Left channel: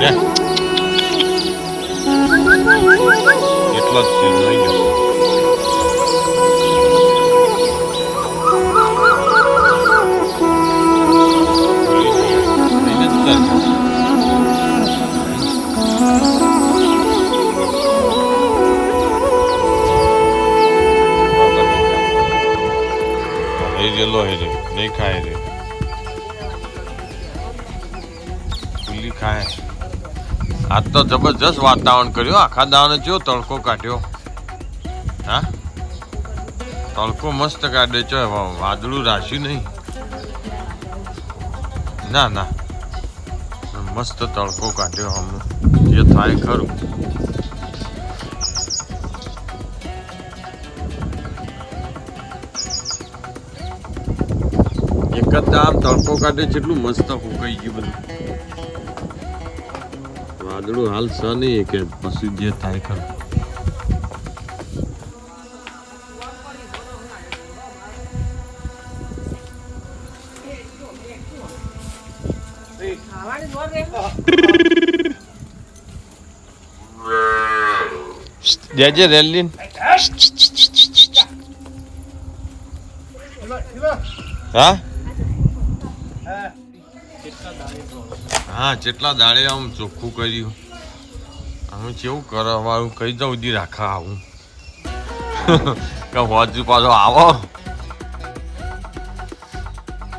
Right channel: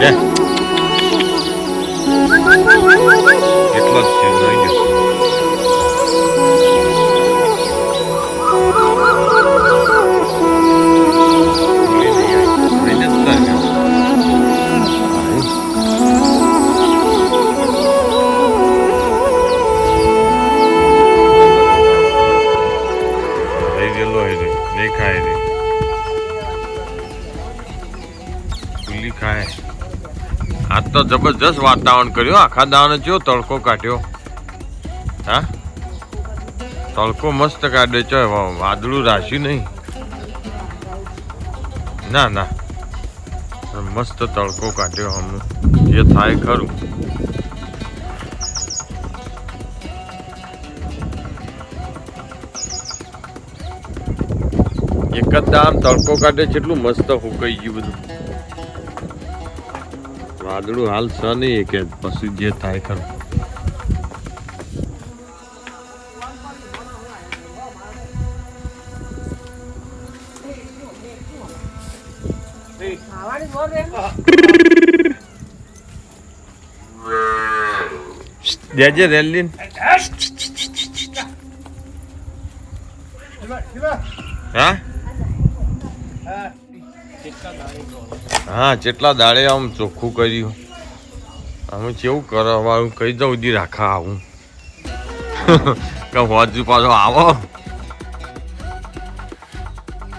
દે એટલો જ છે લઈ ગયો ગયેલો હે નહીં ખાય રે ખુલ્લી ખાય. આજ તો જબરજસ્ત વાતાવરણ કર્યું. આખા દાવાને જો તડકો કાઢ્યો. હા? તડકો મસ્ત કાઢે છે વાદળું રાશ્યું નહીં. ના ના. મસ્ત તડકો કાઢ્યો હમણાં જે થાય ખરું. એક જ દામ તડકો કાઢે છે એટલું મસ્ત હુકાઈ ગયું બધું. વાદળું હાલ સ નહીં કે પછી જે થાય ખરું. દેજે રેલીન. હા? હા, જેટલા દાડે આમ ચોખ્ખું કર્યું. અમે કેવું કરવાનું કઈ દઉં, દી રાખા આવું. કે પાછો આવો.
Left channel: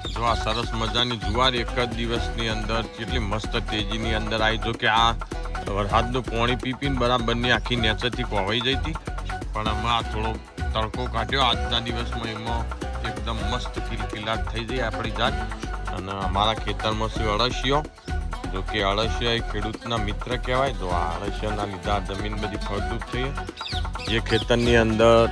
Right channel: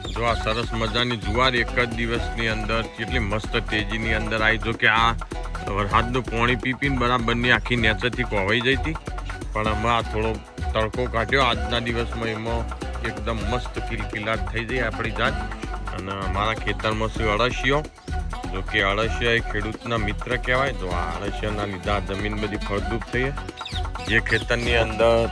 જો આ સરસ મજાની જુવાર એક જ દિવસની અંદર, કેટલી મસ્ત તેજીની અંદર આવી. જો કે આ વરસાદનું પાણી પી પીને બરાબરની આખી નેચરથી કોવાઈ જઈ હતી. પણ અમે આ થોડો તડકો કાઢ્યો. આજના દિવસમાં એમાં એકદમ મસ્ત કિલકિલાટ થઈ જાય આપણી જાત. અને અમારા ખેતરમાં છે અળસિયો, જો કે અળસિયા એ ખેડૂતના મિત્ર કહેવાય. તો આ અળસિયાના લીધે આ જમીન બધી ફળદ્રુપ થઈ જે ખેતરની અંદર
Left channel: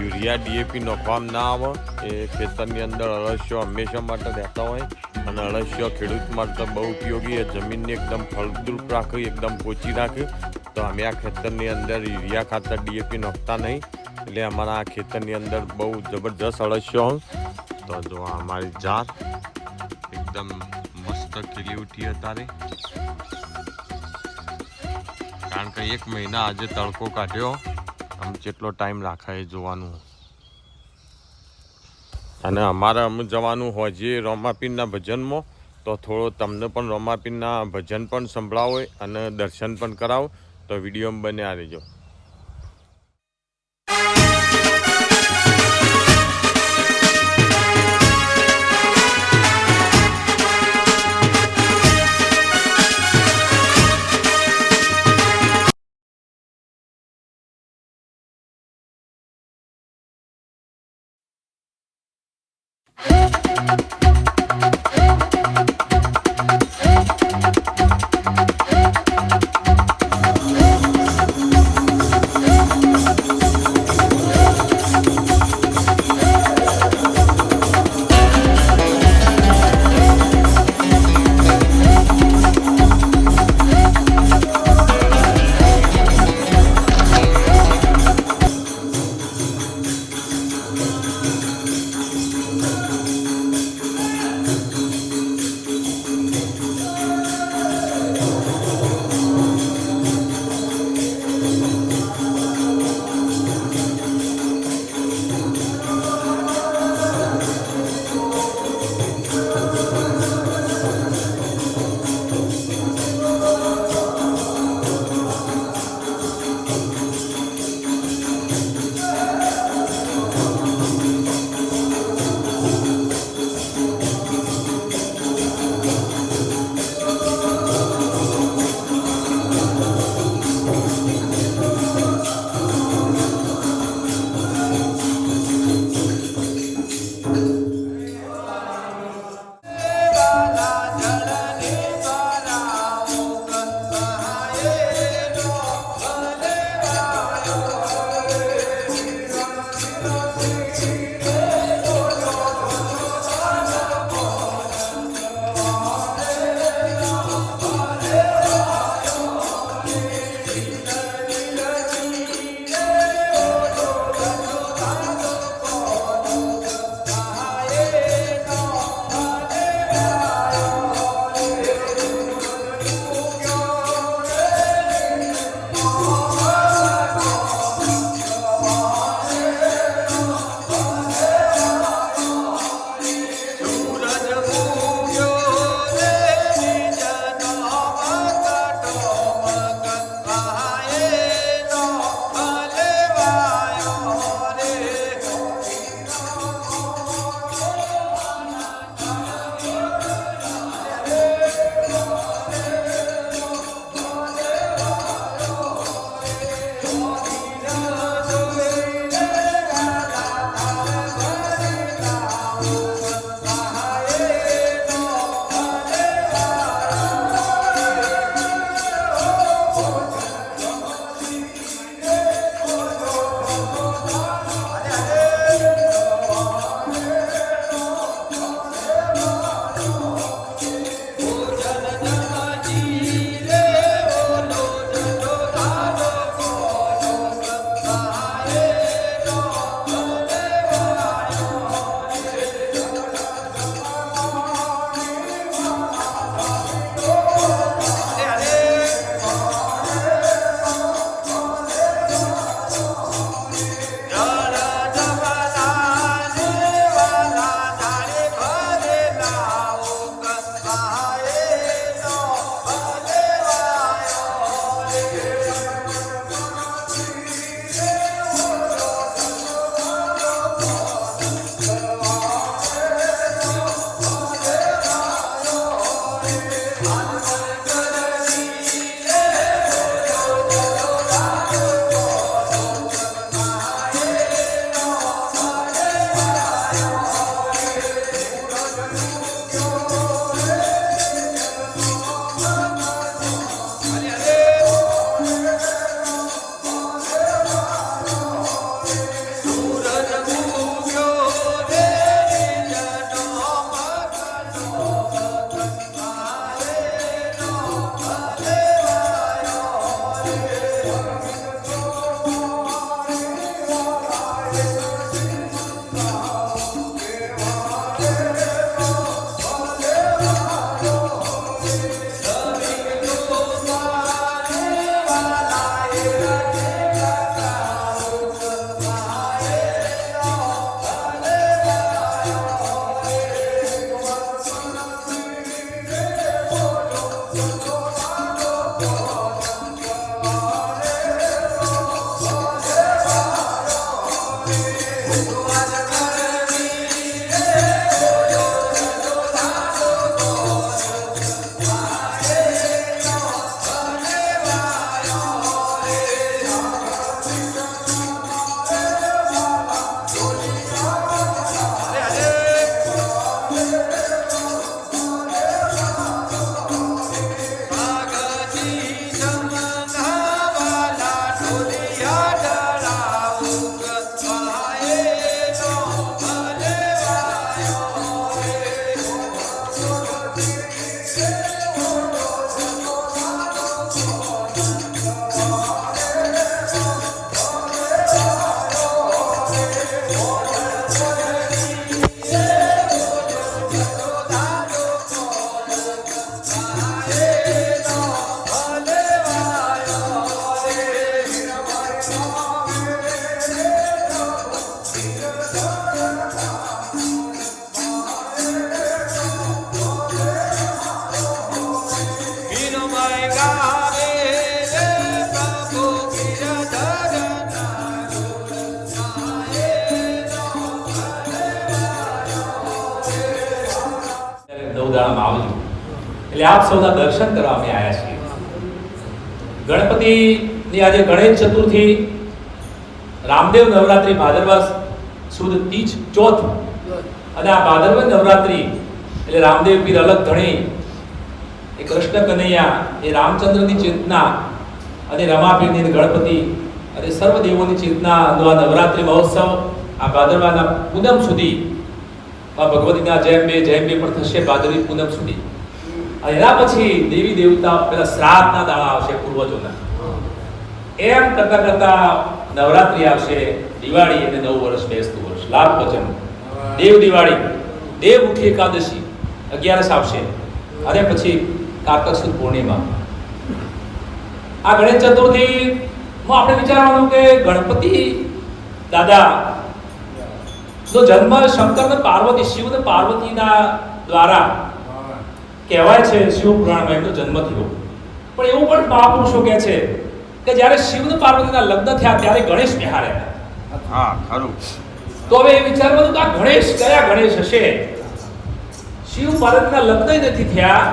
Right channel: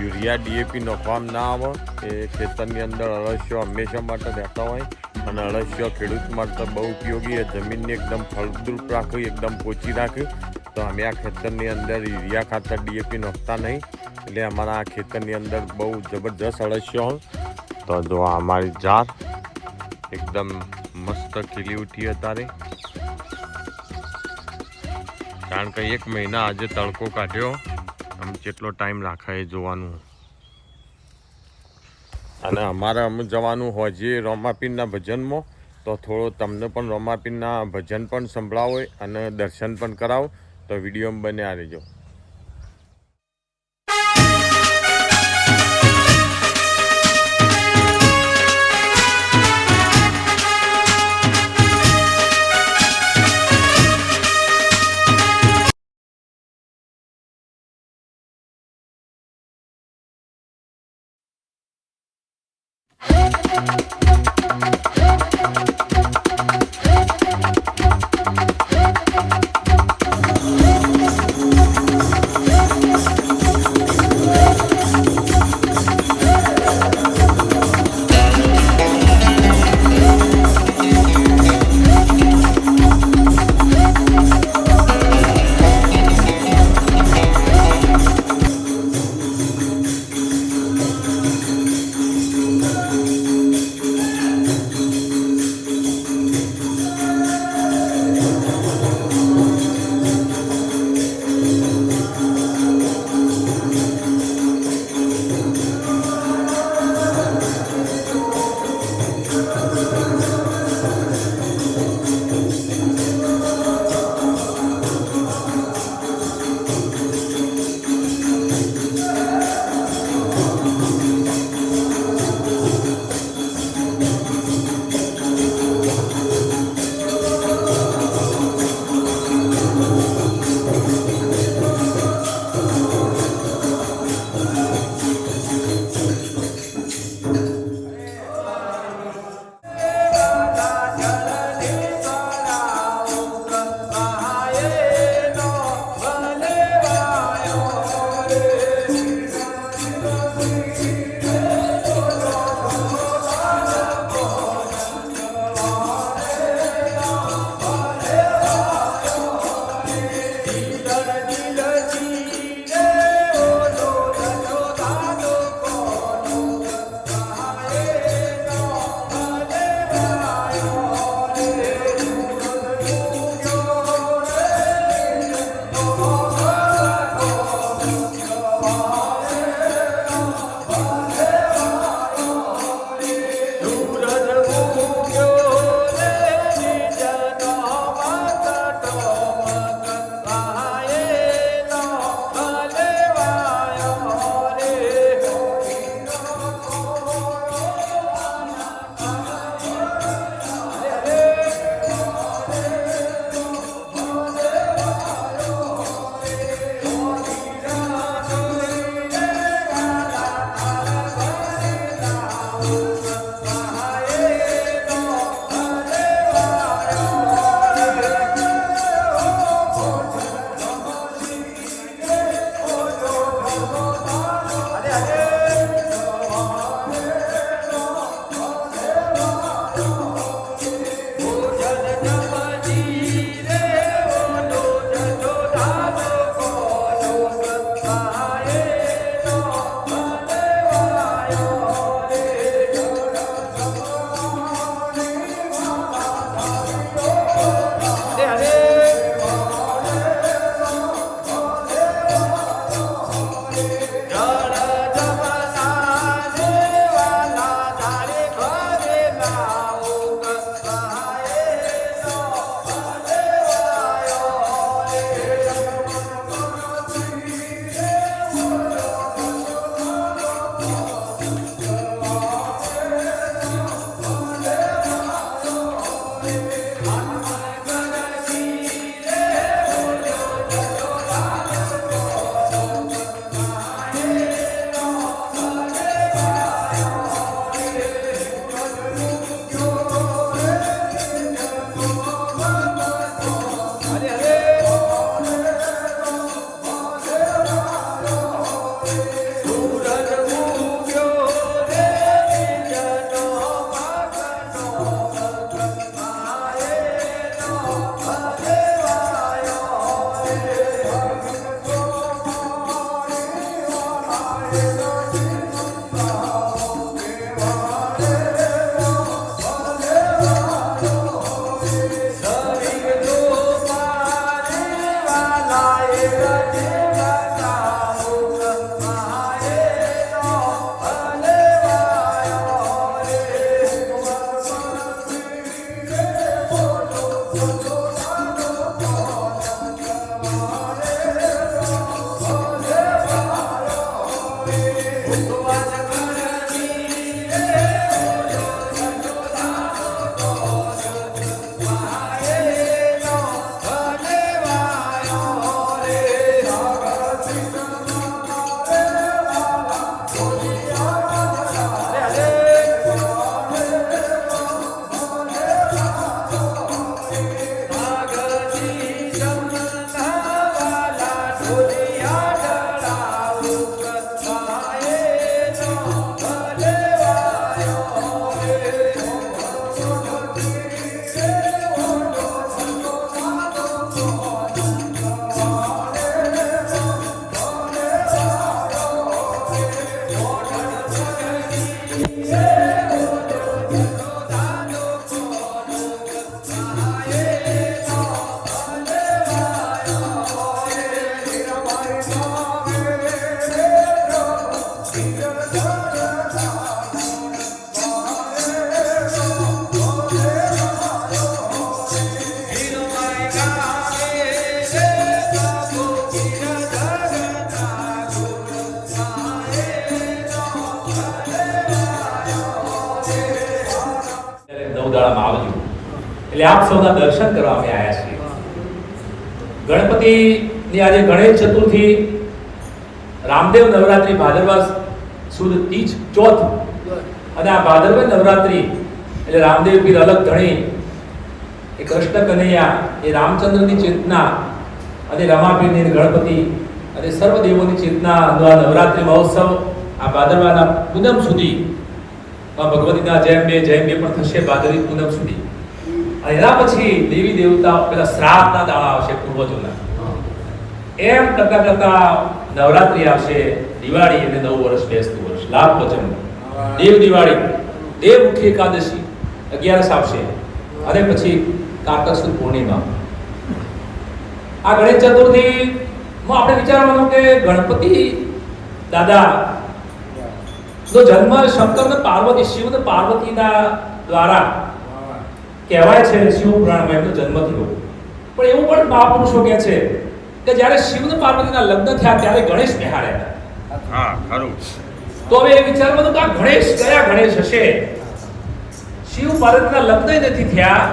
યુરિયા ડીએપી નોખવામાં ના આવે, એ ખેતરની અંદર અળસિયો હંમેશા માટે રહેતા હોય. અને અળસિયો ખેડૂત માટે બહુ ઉપયોગી જમીનને એકદમ ફળદ્રુપ રાખે એકદમ પોચી રાખે તો અમે આ ખેતરની અંદર યુરિયા ખાતર ડીએપી નોખતા નહીં. એટલે અમારા ખેતરની અંદર બહુ જબરજસ્ત અળસિયો હોય તો જો અમારી જાત એકદમ મસ્ત ખીલી ઉઠી અત્યારે કારણ કે એક મહિના આજે તડકો કાઢ્યો, આમ જેટલો ટાઈમ રાખાય જોવાનું. અને અમારે અમે જવાનું હોય, જે રોમાપીરના ભજનમાં, તો થોડો તમને પણ રોમાપીરના ભજન પણ સંભળાવો અને દર્શન પણ કરાવો, તો વિડીયોમાં બન્યા રહેજો. નવ આવજો એટલે આપ સૌના દર્શન કરવા અમે આવ્યા છીએ. ગણપતિની આજે ગણેશ ચતુર્થી, રામદેવ નવરાત્રી, ભાદરવા સુદ તીજ ચોથ, અને આ ભાદરવા નવરાત્રિ, એટલે રામદેવ પીર અલગ ધણી, એ કૃષ્ણ કનૈયા, એ રામચંદ્રની ચેતના, અને રમાપીરની ગણપતિ, અને સર્વ દેવોની ચેતના નવરાત્રી મહોત્સવ, આ ભાદરવાના પૂનમ સુધી આ ભગવતીના જયમ બે જયમ બે પણ થશે ભાદરવી પૂનમ સુધી. એના પછી દેવી દેવતા પેલા શ્રાદ્ધના દાડા આવશે પૂર્વજોના. એમ કરતા કરતા નવરાત્રી આવશે, દિવાળી અને નવ વર્ષ, બેસતું વર્ષ, લાભ વચન દેવ દિવાળી, દેવ ઉઠી એકાદશી, અગિયારસ આવશે. અને પછી કારતક સુદ પૂર્ણિમા. આ ગણેશ ચતુર્થી, માં આપણે વિચારવાનું કે ગણપતિ દાદા નો જન્મ શંકર ને પાર્વતી શિવ ને પાર્વતીના દ્વારા કહેવાય છે શિવ પુરાણમાં એમનો જન્મ થયો પણ એવું પણ મહાપુરુષો કહે છે કે જ્યારે શિવ ને પાર્વતીના લગ્ન થયા ત્યારે ગણેશ ખરું. તો હવે એ વિચારવાનું કે આ ગણેશ કયા ગણેશ હશે? શિવ પાર્વતીના લગ્ન નથી થયા.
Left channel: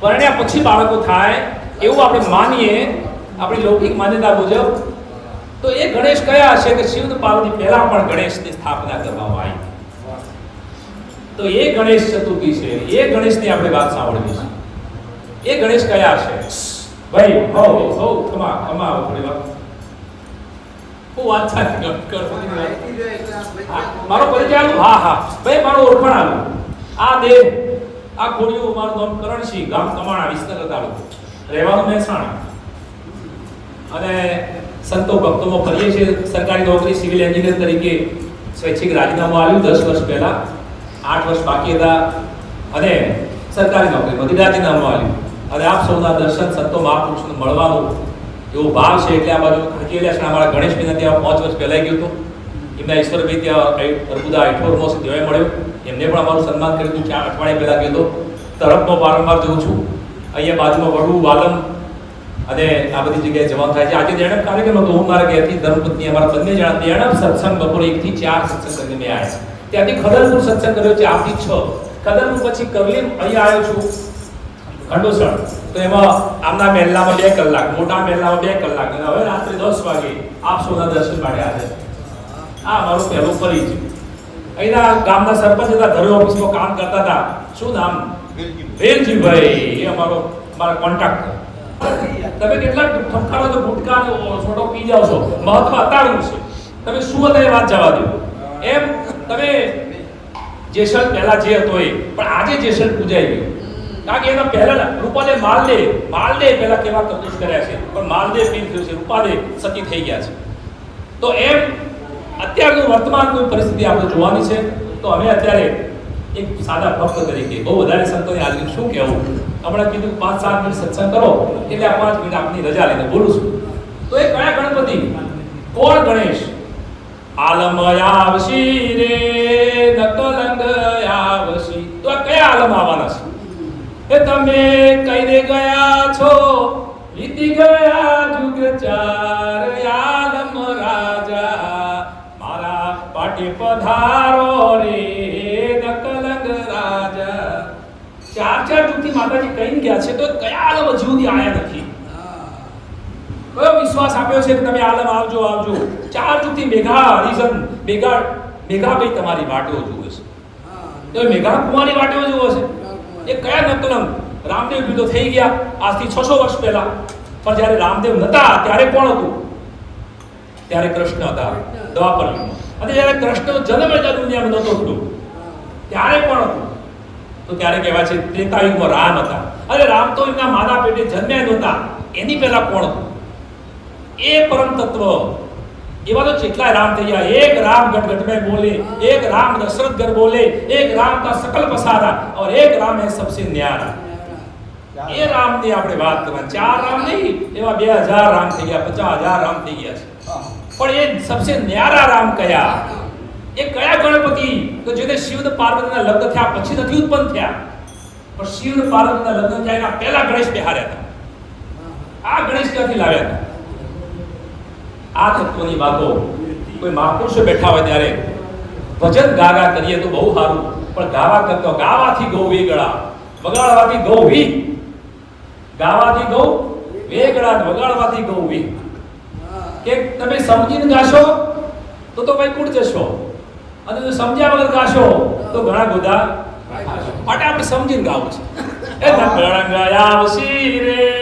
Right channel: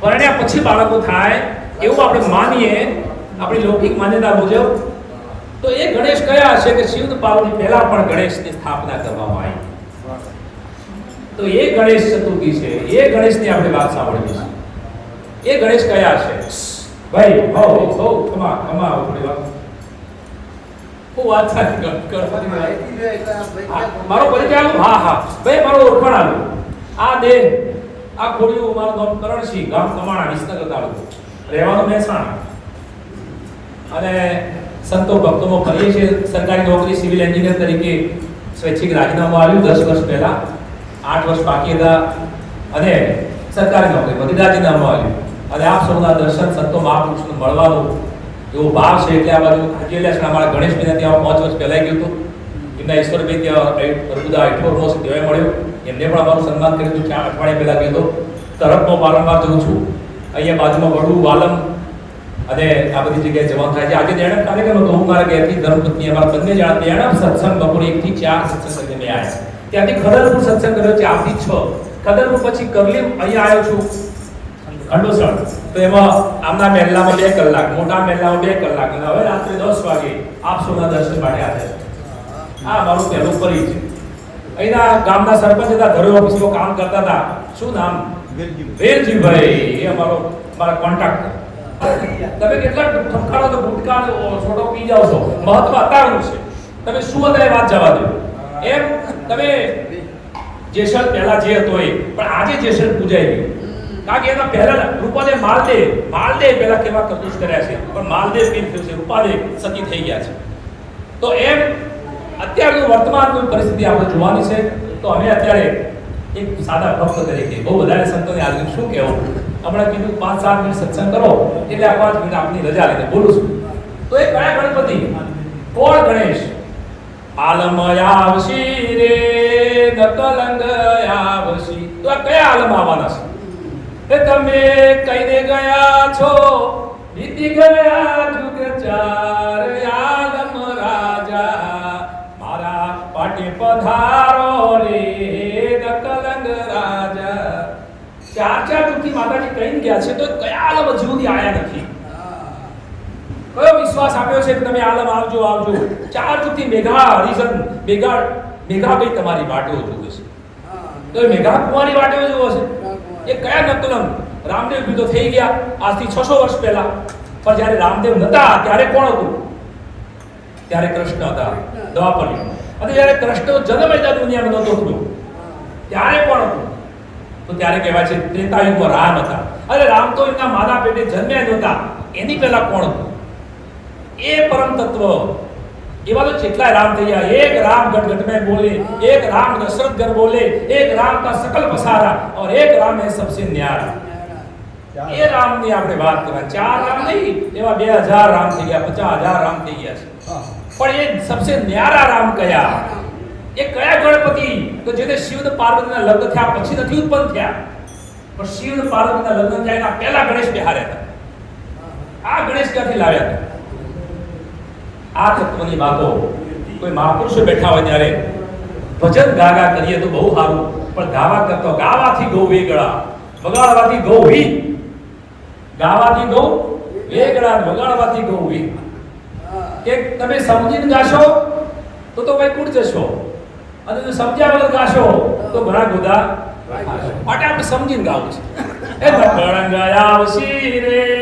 પરણ્યા પછી બાળકો થાય. એવું આપણે માનીએ. આપણી લૌકિક માન્યતા મુજબ તો એ ગણેશ કયા હશે કે શિવ પાર્વતી પહેલા પણ ગણેશની સ્થાપના કરવામાં આવી? તો એ ગણેશ ચતુર્થી છે. એ ગણેશની આપણે વાત સાંભળવી છે એ ગણેશ કયા છે ભાઈ, હો હો, ખમા ખમા, થોડી વાત. હું વાત મારો પરિચય આવ્યો હા હા. ભાઈ, મારો ઓળખાણ આલો. આ દેહ આ ખોડિયું મારું નામ કરણસિંહ, ગામ કમાણા, વિસનગર તાલુકો. રહેવાનું મહેસાણા. અને સંતો ભક્તોમાં ફરીએ છીએ. સરકારી નોકરી સિવિલ એન્જિનિયર તરીકે સ્વૈચ્છિક રાજીનામું આવ્યું દસ વર્ષ પહેલાં. આઠ વર્ષ બાકી હતા. અને સરકારી નોકરી, બધી રાજીનામું આવ્યું અને આપ સૌના દર્શન સંતો મહાપુરુષને મળવાનું એવો ભાવ છે એટલે આ બાજુ હજેલા છે અમારા મહિના ત્યાં પાંચ વર્ષ પહેલાં ગયું હતું. એમના ઈશ્વરભાઈ ત્યાં અર્બુદા અઠોરમો જોવા મળ્યો. એમને પણ અમારું સન્માન કર્યું હતું. ચાર અઠવાડિયા પહેલાં ગયો હતો. તરફમાં વારંવાર જોઉં છું. અહીંયા બાજુમાં વડું વાલમ અને આ બધી જગ્યાએ જવાનું થાય છે. આજે જણપ કાર્યક્રમ હતો હું મારા ઘેરથી ધર્મપત્ની અમારા બંને જણા જણપ સત્સંગ બપોરે એક થી ચાર સત્સંગ અમે આવ્યા ત્યાંથી ખડરપુર સત્સંગ કર્યો ચારથી છ. ખડરપુર પછી કરલી અહીંયા આવ્યો છું. ખંડોસણ. તો એમાં આમના મહેલામાં બે કલાક મોટા મહેલામાં બે કલાક. અને હવે રાત્રે દસ વાગે આપ સૌના દર્શન માટે આવે આ મારું પહેલું પરિચય અહીંના ગામના સરપંચ હતા ઘરે ઓફિસમાં કામ કરતા હતા. શું નામ? વેલજીભાઈ. એ અમારો મારા કોન્ટેક્ટ તમે કેટલા ઠપકારો તો ગુટકા છોડો પી જાવ છો. મહત્વ અત્યારનું છે. તમે શું એ વાત જવા દો? એમ તમે જેસલ પહેલા જે હતો એ, પણ આજે જેસલ પૂજાય ગયું કારણ કે એના પહેલા રૂપાલે માલદે માલદે પહેલા કેવા કદુસ કર્યા છે. પણ માલદેવ પીર થયું છે. રૂપાલે સતી થઈ ગયા છે. તો એમ અત્યારનું વર્તમાનની પરિસ્થિતિ આપણે જોવાની છે. તો અમે અત્યારે એક સાદા ભક્ત તરીકે, બહુ વધારે સંતોની હાજરી શું કહેવું? હમણાં કીધું પાંચ સાત મિનિટ સત્સંગ કરો, એટલે આ પાંચ મિનિટ આપની રજા લઈને બોલું છું. તો એ કયા ગણપતિ? કોણ ગણેશ? આલમયાવશી રે, નકલંગ આવશી. તો આ કયા આલમ આવવાના છે? એ તમે કહીને ગયા છો, વીતી ગયા જુગ ચાર આલમ રાજા. મારા પાટે પધારો રે, નકલંગ રાજા. ચાર ચાર માતાજી કહીને ગયા છે તો કયા આલમ હજુ સુધી નથી? કયો વિશ્વાસ આપ્યો છે કે તમે આલમ આવજો આવજો? ચાર જુથી મેઘા હરિજન, મેઘા મેઘાભાઈ તમારી વાટો જુએ છે? તો મેઘા કુંવારી વાટો જુઓ છે? એ કયા નકલમ રામદેવ વિધો થઈ ગયા, આજથી છસો વર્ષ પહેલા. પણ જ્યારે રામદેવ નતા, ત્યારે કોણ હતું? ત્યારે કૃષ્ણ હતા દ્વાપર અને જ્યારે કૃષ્ણ જન્મ દુનિયામાં નતો હતો ત્યારે કોણ હતું? તો ત્યારે કહેવાય છે ત્રેતાયુગમાં રામ હતા અરે રામ તો એમના માના પેટે જન્મ્યા નહોતા એની પહેલા કોણ હતું એ પરમ તત્વ એવા તો જેટલા રામ થઈ ગયા એક રામ ગટ गट में बोले एक राम दशरथ घर बोले एक राम का सकल पसारा और एक राम है सबसे न्यारा એ રામની આપણે વાત કરવા ચાર રામ નહીં એવા બે હજાર રામ થઈ ગયા પચાસ હજાર રામ થઈ ગયા છે પણ એ સબસે ન્યારા રામ કયા એ કયા ગણપતિ? તો જેને શિવ અને પાર્વતીના લગ્ન થયા પછી નથી ઉત્પન્ન થયા. પણ શિવ પાર્વતીના લગ્ન થયા એના પહેલા ગણેશ બિહાર્યા હતા. આ ગણેશ ક્યાંથી લાવ્યા હતા? આ તત્વની વાતો? કોઈ મહાપુરુષો બેઠા હોય ત્યારે ભજન ગાગા કરીએ તો બહુ સારું. પણ ગાવા કરતો ગાવાથી ગૌ વેગળા. વગાડવાથી ગૌ વી. ગાવાથી ગૌ વેગળા વગાડવાથી ગૌ વી. કે તમે સમજીને ગાશો તો તો વૈકુંઠ જશો. અને જો સમજ્યા વગર ગાશો તો ઘણા બધા માટે આપણે સમજીને ગાવું છે. એ આવશી રે.